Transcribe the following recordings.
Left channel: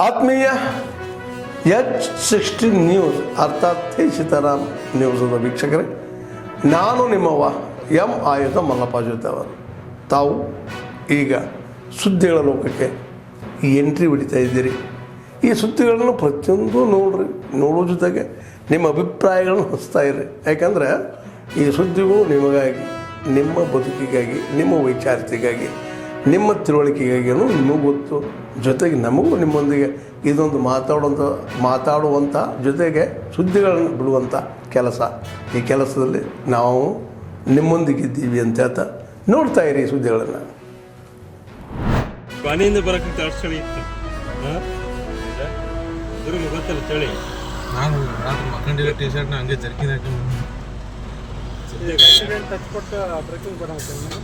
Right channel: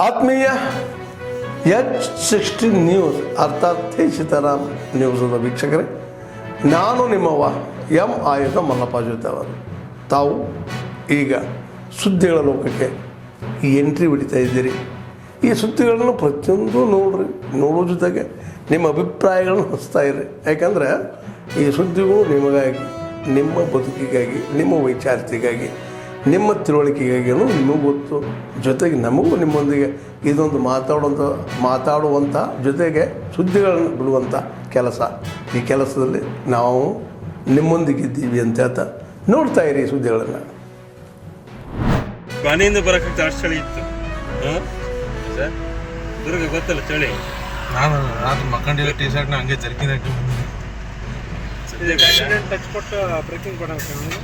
ಆತ್ಮೀಯ H60 news ಅರ್ಥಾತ್ ತಿ ಸೀತಾರಾಮ್ ನ್ಯೂಸದ ವೀಕ್ಷಕರೇ, ನಾನು ನಿಮ್ಮವ ಎಂ ಆಯುಧ ಮಲ್ಲಪ್ಪ ಜೊತೆ ಅವರು. ತಾವು ಈಗ ಸುದ್ದಿಗಳ ಲೋಕಕ್ಕೆ ಎಂಟ್ರಿ ಹೊಡಿತಾ ಇದ್ದೀರಿ. ಈ ಸುದ್ದಿಗಳನ್ನು ಪ್ರತಿಯೊಂದು ನೋಡೋ ಜೊತೆಗೆ ನಿಮ್ಮ ಅಭಿಪ್ರಾಯಗಳನ್ನು ಹಂಚ್ತಾ ಇರಿ. ಯಾಕಂದರೆ ಈ ಸುದ್ದಿಗಳು ನಿಮಗಾಗಿ, ನಿಮ್ಮ ಬದುಕಿಗಾಗಿ, ನಿಮ್ಮ ವೈಚಾರಿಕೆಗಾಗಿ, ನಿಮ್ಮ ತಿಳುವಳಿಕೆಗಾಗಿಯೂ ನಿಮಗೂ ಗೊತ್ತು. ಜೊತೆಗೆ ನಮಗೂ ನಿಮ್ಮೊಂದಿಗೆ ಇದೊಂದು ಮಾತಾಡುವಂಥ ಜೊತೆಗೆ ಸುದ್ದಿಗಳನ್ನು ಬಿಡುವಂಥ ಕೆಲಸ. ಈ ಕೆಲಸದಲ್ಲಿ ನಾವು ನಿಮ್ಮೊಂದಿಗಿದ್ದೀವಿ ಅಂತ ಹೇಳ್ತಾ ನೋಡ್ತಾ ಇರಿ ಸುದ್ದಿಗಳನ್ನು. ಮನೆಯಿಂದ ಬರೋಕ್ಕೆ ಅಷ್ಟು ಚಳಿ ಇತ್ತು. ಸರ್ ದುರ್ಗ ಗೊತ್ತಲ್ಲ ಚಳಿ. ನಾನು ರಾತ್ರಿ ಮಕ್ಕಂಡಿರೋ ಟಿ ಶರ್ಟ್ನ ಹಂಗೆ ಜರ್ಕಿನ್ ಹಾಕಿ ಟಚ್ ಕೊಟ್ಟು ಬ್ರೇಕಿಂಗ್ ಕೊಡೋಕೆ ನನಗೆ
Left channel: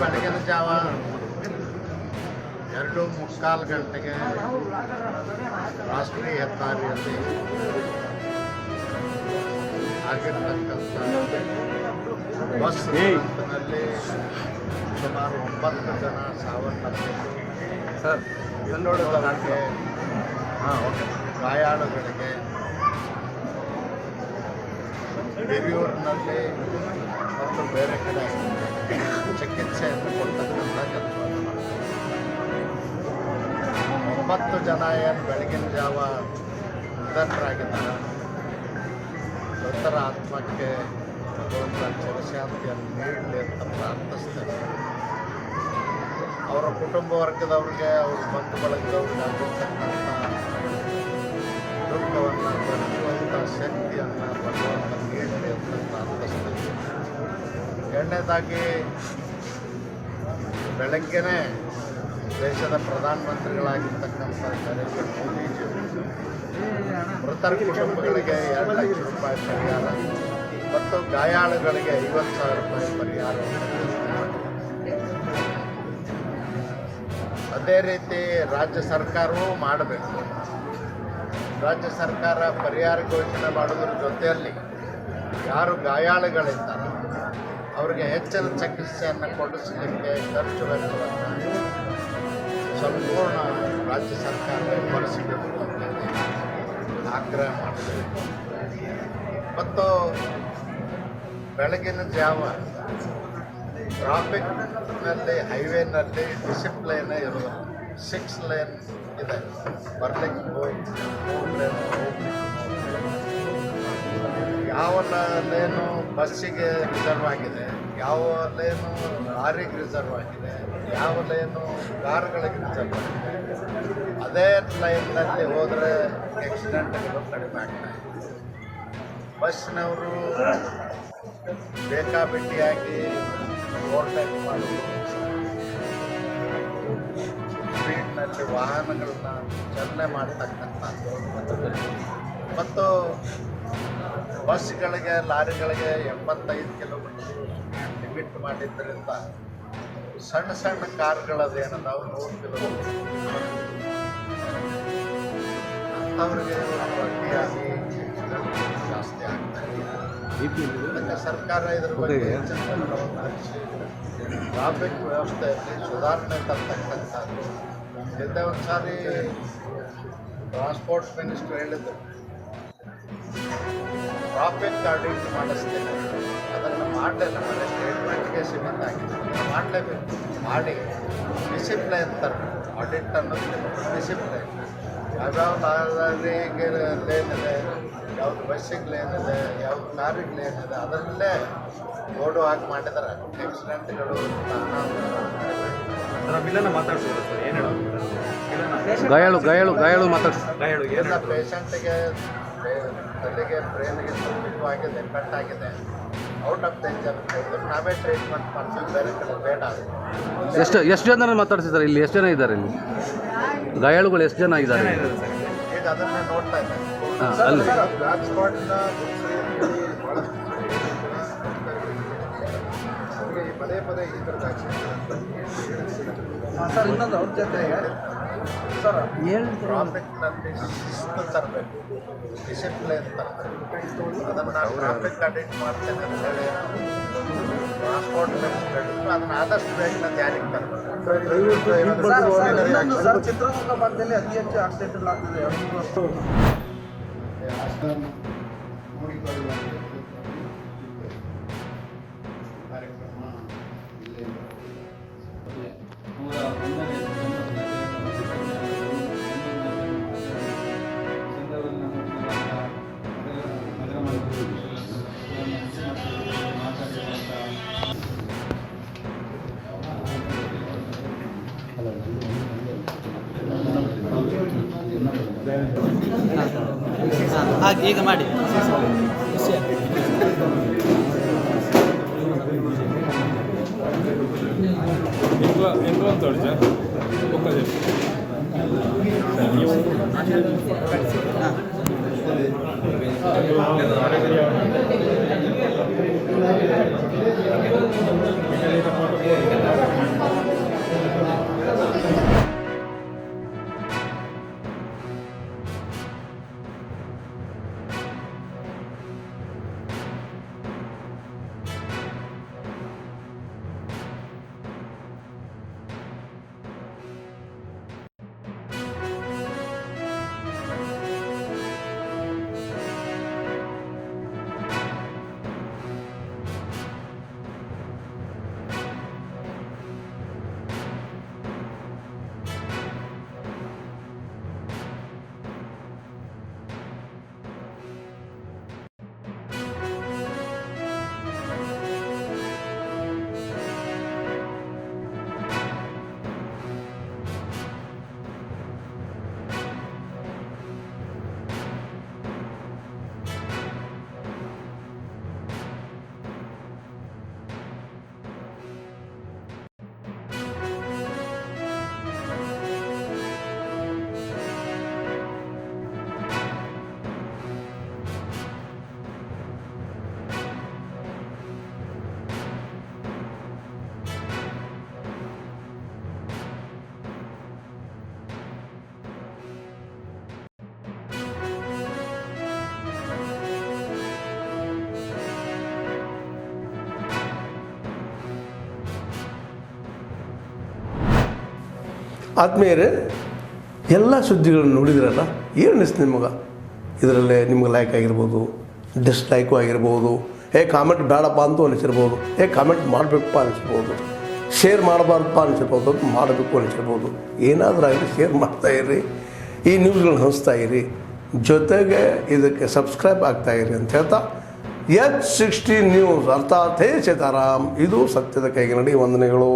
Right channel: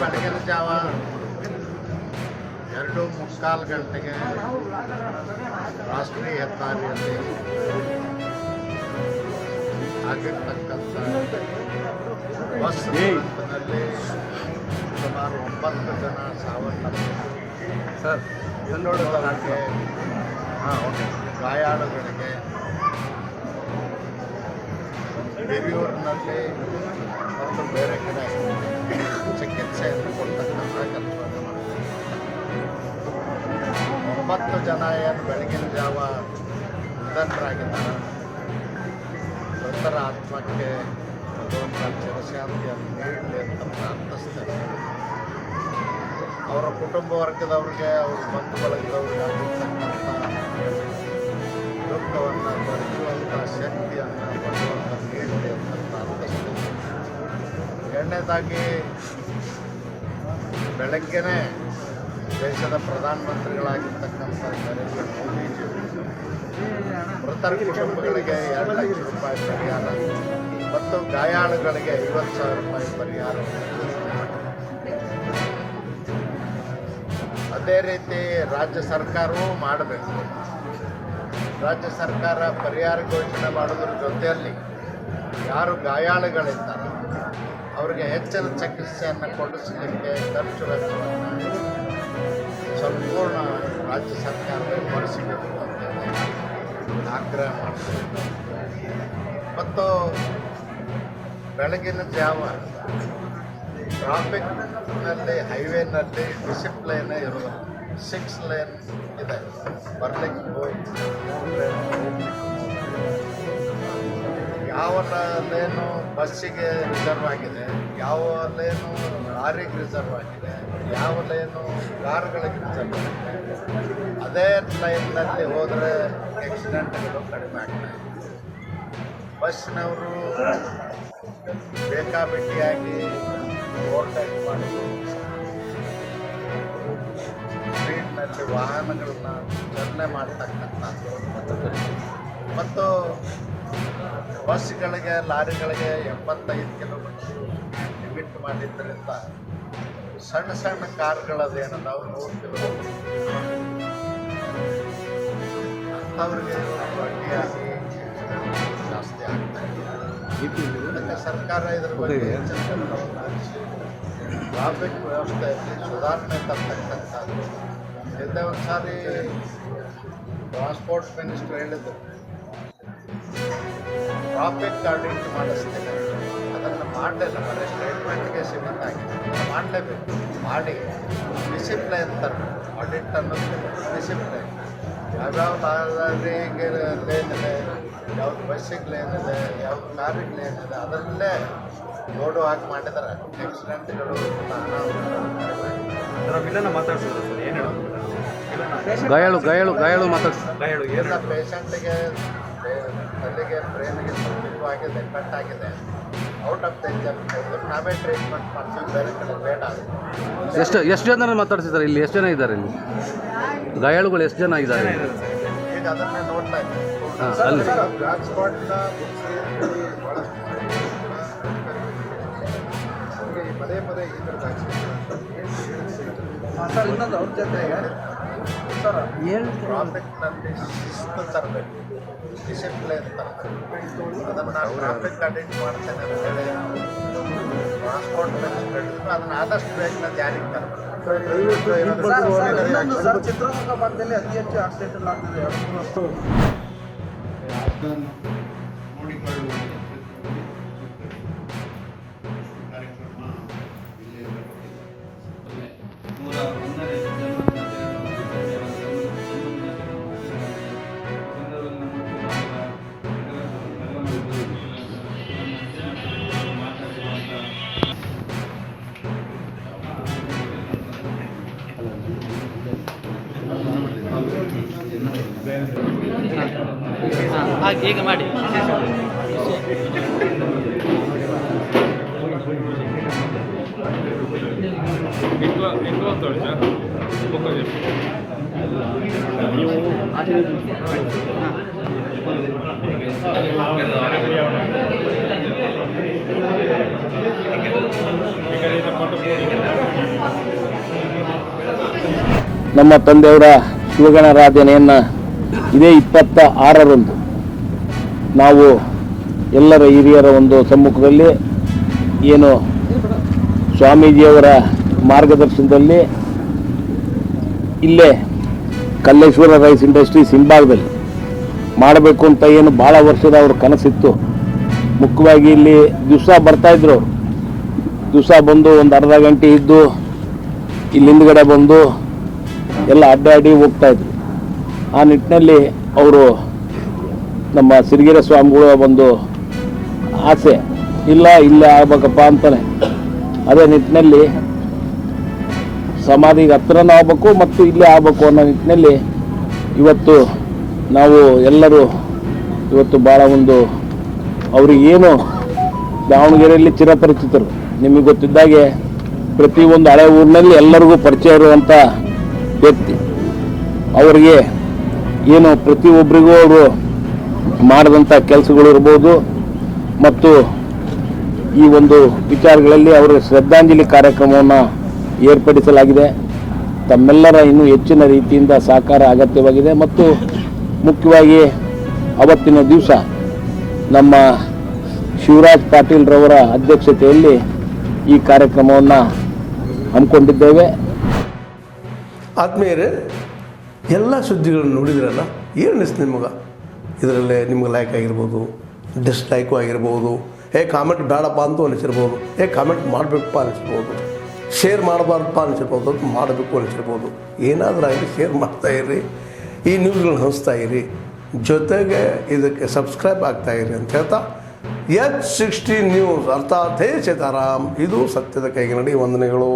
ಬೆಳಗಿನ ಜಾವ 2:45 ಗಂಟೆಗೆ ರಾಷ್ಟ್ರೀಯ ಹೆದ್ದಾರಿಯಲ್ಲಿ ಆಗಿರ್ತಕ್ಕಂಥ ಬಸ್ ದುರಂತದಲ್ಲಿ ಸುಮಾರು 9 ಜನ ಸಾವನ್ನಪ್ಪಿದ್ದು, 12 ಗಾಯಾಳುಗಳಿಗೆ ಹಿರಿಯೂರಿನಲ್ಲಿ ಮತ್ತು ಬೇರೆ ಕಡೆ ಚಿಕಿತ್ಸೆಯನ್ನು ಕೊಡ್ತಕ್ಕಂಥ ಕೆಲಸವನ್ನು ಮಾಡ್ತಾರೆ. 9 ಜನ ಏನು ಬೆಳಗಿನ ಜಾವ ನಿಧನರಾಗಿದ್ದಾರೆ. ಮೃತರ ಆತ್ಮಕ್ಕೆ ಭಗವಂತ ಚಿರಶಾಂತಿಯನ್ನು ನೀಡಲಿ ಅಂತ ಪ್ರಾರ್ಥಿಸ್ತೇನೆ. ಅವರ ಕುಟುಂಬ ವರ್ಗದವ್ರಿಗೆ, ಅವ್ರ ಬಂಧು ಬಳಗದವ್ರಿಗೆ ಆಗಿರ್ತಕ್ಕಂಥ ದುಃಖವನ್ನು ಭರಿಸುವಂಥ ಶಕ್ತಿಯನ್ನು ಭಗವಂತ ನೀಡಲಿ ಅಂತ ಪ್ರಾರ್ಥಿಸ್ತೇನೆ. ಎರಡನೇದಾಗಿ, ಬೆಳಗ್ಗೆನೇ ದೇಶದ ಪ್ರಧಾನಮಂತ್ರಿಗಳಾಗಿರ್ತಕ್ಕಂಥ ನರೇಂದ್ರ ಮೋದಿಜಿ ಮೃತರ ಕುಟುಂಬಗಳಿಗೆ 2 ಲಕ್ಷ ರೂಪಾಯಿ ಪರಿಹಾರ ಮತ್ತು ಗಾಯಾಳುಗಳಿಗೆ 50,000 ರೂಪಾಯಿ ಪರಿಹಾರವನ್ನು ಘೋಷಣೆ ಮಾಡಿದೆ. ಅದೇ ರೀತಿ ರಾಜ್ಯ ಸರ್ಕಾರವೂ ಮಾಡಬೇಕು. ರಾಜ್ಯ ಸರ್ಕಾರ ಪರಿಹಾರ ಘೋಷಣೆ ಮಾಡೋದ್ರ ಜೊತೆಯಲ್ಲಿ ಯಾರು ಗಾಯಾಳುಗಳಿದ್ದಾರೆ ಅವರಿಗೆ ಹೆಚ್ಚಿನ ಚಿಕಿತ್ಸೆಯನ್ನು ಕೊಡಿಸಲಿಕ್ಕೆ ಖರ್ಚು ವೆಚ್ಚವನ್ನು ಸಂಪೂರ್ಣ ರಾಜ್ಯ ಸರ್ಕಾರವೇ ಭರಿಸಬೇಕು ಅಂತೇಳಿ ಆಗ್ರಹ ಮಾಡ್ತೇವೆ. ಮತ್ತು ಬೆಳಗಿನ ಜಾವ ಟ್ರಾಫಿಕ್ನಲ್ಲಿ, ಹೈವೇನಲ್ಲಿ ಡಿಸಿಪ್ಲೈನೇ ಇರೋದು. 6 ಲೇನ್ ಇದೆ, ಬರ್ಲಿಕ್ಕೆ 3 ಲೇನ್ ಹೋಗ್ಲಿಕ್ಕೆ 3 ಯಾವ ಲೇನು ಬಸ್ಸಿಗೆ ರಿಸರ್ವ್ ಆಗಿದೆ, ಯಾವ ಲೇನು ಲಾರಿಗೆ ರಿಸರ್ವ್ ಆಗಿದೆ, ಯಾವ ಲೇನು ಕಾರುಗಳಿಗೆ ರಿಸರ್ವ್ ಆಗಿದೆ. ಅದೇ ಲೈನ್ನಲ್ಲಿ ಹೋದರೆ ಆಕ್ಸಿಡೆಂಟ್ಗಳು ಕಡಿಮೆ ಆಗ್ತಾಯಿದೆ. ಬಸ್ನವರು ಬೇಕಾಬಿಟ್ಟಿಯಾಗಿ ಓವರ್ಟೇಕ್ ಮಾಡೋದು, ಸ್ಪೀಡ್ನಲ್ಲಿ ವಾಹನಗಳನ್ನ ಚಾಲನೆ ಮಾಡ್ತಕ್ಕಂಥದ್ದು ಮತ್ತು ಬಸ್ಗಳಿಗೆ, ಲಾರಿಗಳಿಗೆ 75 ಕಿಲೋಮೀಟರ್ ಲಿಮಿಟ್ ಮಾಡಿದ್ದರಿಂದ ಸಣ್ಣ ಸಣ್ಣ ಕಾರ್ಗಳದೇನದಾವು 100 ಕಿಲೋಮೀಟರ್ ಅಂಥವ್ರಿಗೆ ಅಡ್ಡಿಯಾಗಿ ಜಾಸ್ತಿ ಆಗ್ತಾಯಿದೆ. ಅದಕ್ಕೆ ಸರ್ಕಾರ ಇದ್ರ ಬಗ್ಗೆ ಹೆಚ್ಚಿನ ಗಮನವನ್ನು ಹರಿಸಿ ಟ್ರಾಫಿಕ್ ವ್ಯವಸ್ಥೆಯಲ್ಲಿ ಸುಧಾರಣೆ ತರ್ತಕ್ಕಂಥದ್ದು. ಹಿಂದೆ ಒಂದು ಸಾರಿ ಟ್ರಾನ್ಸ್ಪೋರ್ಟ್ ಮಿನಿಸ್ಟ್ರು ಹೇಳಿದ್ರು, ಟ್ರಾಫಿಕ್ ಆಡಿಟ್ ಮಾಡಿಸ್ತೇನೆ, ಅದನ್ನು ಮಾಡಲಿಲ್ಲ, ಬರೀ ಸ್ಟೇಟ್ಮೆಂಟ್ಗೆ ಸೀಮಿತ ಆಗಿದೆ. ಮಾಡಲೇಬೇಕು, ಮಾಡಿ ಡಿಸಿಪ್ಲೈನ್ ತರಬೇಕು. ಆಡಿಟ್ ಅನ್ನೋದು ಡಿಸಿಪ್ಲೈನ್. ಯಾವ್ಯಾವ ಲಾರಿಗೆ ಲೇನ್ ಇದೆ, ಯಾವ್ದು ಬಸ್ಸಿಗೆ ಲೇನ್ ಇದೆ, ಯಾವ್ದು ಕಾರಿಗೆ ಲೇನ್ ಇದೆ, ಅದರಲ್ಲೇ ಬೋರ್ಡು ಹಾಕಿ ಮಾಡಿದರೆ ಆಕ್ಸಿಡೆಂಟ್ಗಳು ಗಾಯಾಳು ಮಾತಾಡ್ತಾರೆ. ಎಲ್ಲ ಪೇಷಂಟಿಗೆ ತಲೆಗೆ ಬ್ರೈನ್ಗೆ ಸ್ವಲ್ಪ ಆಗಿದೆ, ಕಟ್ ಆಗಿದೆ, ಔಟ್ ಆಫ್ ಡೇಂಜರ್ ಇದ್ರೆ ನಾವೇ ಟ್ರೀಟ್ಮೆಂಟ್ ಮಾಡ್ತೀವಿ, ಬೇರೆ ಕಡೆ ಬೇಡ. ಎಷ್ಟು ಜನ ಮಾತಾಡ್ತಿದ್ದಾರೆ ಇಲ್ಲಿ? ಎಷ್ಟು ಜನ ಇದ್ದಾರೆ ಇಲ್ಲಿ ಗಾಯಾಳುಗಳು? ಎಷ್ಟು ಜನ ಇದ್ದಾರೆ ಈಗ ಅದನ್ನೇ ನೋಡ್ತಾ ಇದ್ದೇನೆ. ಅಲ್ಲಿ ಬ್ಲಾಕ್ ಸ್ಪಾಟ್ನ ಬಿಡಿಸಿ ಅಂತೇಳಿ ಭಾಳಷ್ಟು ನಮಗೆ ಈ ಪದೇ ಪದೇ ಈ ಥರದ ಸರ್ ಇನ್ನೊಂದು ಅವ್ರ ಜೊತೆಗೆ ಸರ್ ಟ್ರಾಫಿಕ್ನಲ್ಲಿ ಶಿಸ್ತು ತರಬೇಕು, ಡಿಸಿಪ್ಲೈನ್ ತರಬೇಕು. ಅದನ್ನು ನಾನು ಟ್ರಾಫಿಕ್ ಅಡಿಟ್ ಮಾಡ್ತೇನೆ ಅಂತ ಹೇಳಿ ಟ್ರಾನ್ಸ್ಪೋರ್ಟ್ ಮಿನಿಸ್ಟರ್ ಹೇಳಿದ್ರು, ಅದನ್ನು ಆದಷ್ಟು ಬೇಗ ಜಾರಿಗೆ ತರಬೇಕು. ಸರ್ ಚಿತ್ರದುರ್ಗ ಭಾಗದಲ್ಲಿ ಅತಿ ಹೆಚ್ಚು ಆಕ್ಸಿಡೆಂಟ್ ಆಗ್ತಿದೆ 2-3 ವರ್ಷ. ನೋಡಿಕೊಳ್ಳುವಂಥ ಕಾರ್ಯಕ್ರಮ ಇಲ್ಲೇ ಈಗ ಮಾಡಿ ನಮ್ಮ ತಂದೆಯವರ ಶಿವಗಣರಾಧನೆಯನ್ನು ಇದೇ 26ರಂದು ನಾವು ಎಲ್ಲರ ಹಿರಿಯರ ಒಂದು ಸಮ್ಮುಖದಲ್ಲಿ ಏನು ಸ್ವಾಮೀಜಿಯವರ ಮಾರ್ಗದರ್ಶನದಲ್ಲಿ ಇಲ್ಲೇ ಕಲ್ಲೇಶ್ವರ ರೈಸ್ ಇಂಡಸ್ಟ್ರೀಸ್ ಹಿಂಭಾಗದಲ್ಲಿ ಮಾಡಬೇಕು ಅಂತ ಏನು ಭಾಳ ವರ್ಷದ ಅವ್ರ ಕನಸಿತ್ತು. ಮುಖ್ಯವಾಗಿ ಇಲ್ಲಿ ದಿವಸ ಬರ್ತಾಯಿದ್ರು ಅವರು. ದಿವಸ ಬಂದು ಒಂದು ಅರ್ಧ ಗಂಟೆ ಇದ್ದು ಇಲ್ಲಿ ಹಿಂದ್ಗಡೆ ಬಂದು ಎಲ್ಲ ಅಡ್ಡಾಡಿ ಹೋಗ್ತಾಯಿದ್ರು. ಆ ನಿಟ್ಟಿನಲ್ಲಿ ಅವರು ನಮ್ಮ ಸಿರಿಗೆರೆ ಸ್ವಾಮಿಗಳ ಒಂದು ಆಸೆ, ಇಲ್ಲ ಇಲ್ಲೇ ಆಗ್ಬೇಕಪ್ಪ ಅಂತಾನೆ. ಅದೇ ನಿಟ್ಟಿನಲ್ಲಿ ಸಮಾಧಿಗೆ ಹತ್ರನೂ ಆಗಬೇಕು ಮತ್ತು ಇಲ್ಲೇ ಆಗಬೇಕು ಅನ್ನೋ ನಿಟ್ಟಿನಲ್ಲಿ ಇವತ್ತು ನಾವು ಎಲ್ಲರೂ ಇವತ್ತು ಭಾಳ ಒಂದು ಅವರಿಗೇನು ದಾವಣಗೆರೆಯಲ್ಲಿ ಚಿರಪರಿಚಿತರು. ನಿಮಗೆ ಗೊತ್ತಿದ್ದಾಗೆ ಪ್ರತಿಯೊಂದು ಹಳೆ ಊರಿನಲ್ಲಿ ಎಲ್ಲರಿಗೂ ಪರಿಚಯ ಇರುವಂಥ ವ್ಯಕ್ತಿ. ಅವರಿಗೆ ಏನು ಪ್ರತಿಯೊಬ್ಬರಿಗೂ ಅವರು ಮಾಡಿದಂಥ ಕೆಲಸಗಳು ಇರ್ಬೋದು ಮತ್ತು ಈ ಒಂದು ವಿಚಾರಗಳಲ್ಲಿ ಅವರ ಶ್ರದ್ಧಾಂಜಲಿ ಕಾರ್ಯಕ್ರಮವನ್ನು ಏರ್ಪಡಿಸಲಾಗಿದೆ. ತಮ್ಮೆಲ್ಲರ ಇನ್ನೂ ಹೆಚ್ಚಿನ ರೀತಿಯಿಂದ ಸಹಕಾರ ಅಗತ್ಯವಾಗಿದೆ ಮತ್ತು ಮುಖ್ಯವಾಗಿ ಅವತ್ತಿನ ದಿವಸ ನಮ್ಮ ಶಿವರಾಜ್ ಪಾಟೀಲ್ರವರ ಅಧ್ಯಕ್ಷತೆಯಲ್ಲಿ ಈ ಕಾರ್ಯಕ್ರಮವನ್ನು ಹಮ್ಮಿಕೊಂಡಿದ್ದೇವೆ. ಆದ್ಮೇಲೆ ಎಲ್ಲ ಸುದ್ದಿಗಳನ್ನು ನೋಡಿದ್ರಲ್ಲ, ಏನು ಅನಿಸ್ತು ನಿಮಗೆ? ಇದರಲ್ಲೇ ನಿಮ್ಗೆ ಲೈಕ್ ಆಗಿರ್ಬೋದು, ಡಿಸ್ಲೈಕು ಆಗಿರ್ಬೋದು, ಕಾಮೆಂಟ್ ಬೇಡಪ್ಪ ಅಂತೂ ಅನಿಸಿರ್ಬೋದು, ಕಾಮೆಂಟ್ ಮಾಡಬೇಕಪ್ಪ ಅನಿಸಿರ್ಬೋದು, ಶೇರ್ ಮಾಡಬಾರ್ದಪ್ಪ ಅನಿಸಿರ್ಬೋದು, ಅದು ಮಾಡಬೇಕು ಅನಿಸಿರ್ಬೋದು. ಏನಾದರೂ ಆಗಲಿ ಶೇರ್ ಮಾಡ್ತಾಯಿರಿ, ಈ ನ್ಯೂಸ್ಗಳನ್ನ ಹಂಚ್ತಾ ಇರಿ, ಜೊತೆಗೆ ಇದಕ್ಕೆ ಸಬ್ಸ್ಕ್ರೈಬ್ ಆಗ್ತಾಯಿರಿ ಅಂತ ಹೇಳ್ತಾ H16 ನ್ಯೂಸ್ ಅರ್ಥಾತ್ ಹೇ ಸೀತಾರಾಮ್, ಇದು ಸತ್ಯದ ಕೈಗೆ ನಡಿ. ವಂದನೆಗಳು.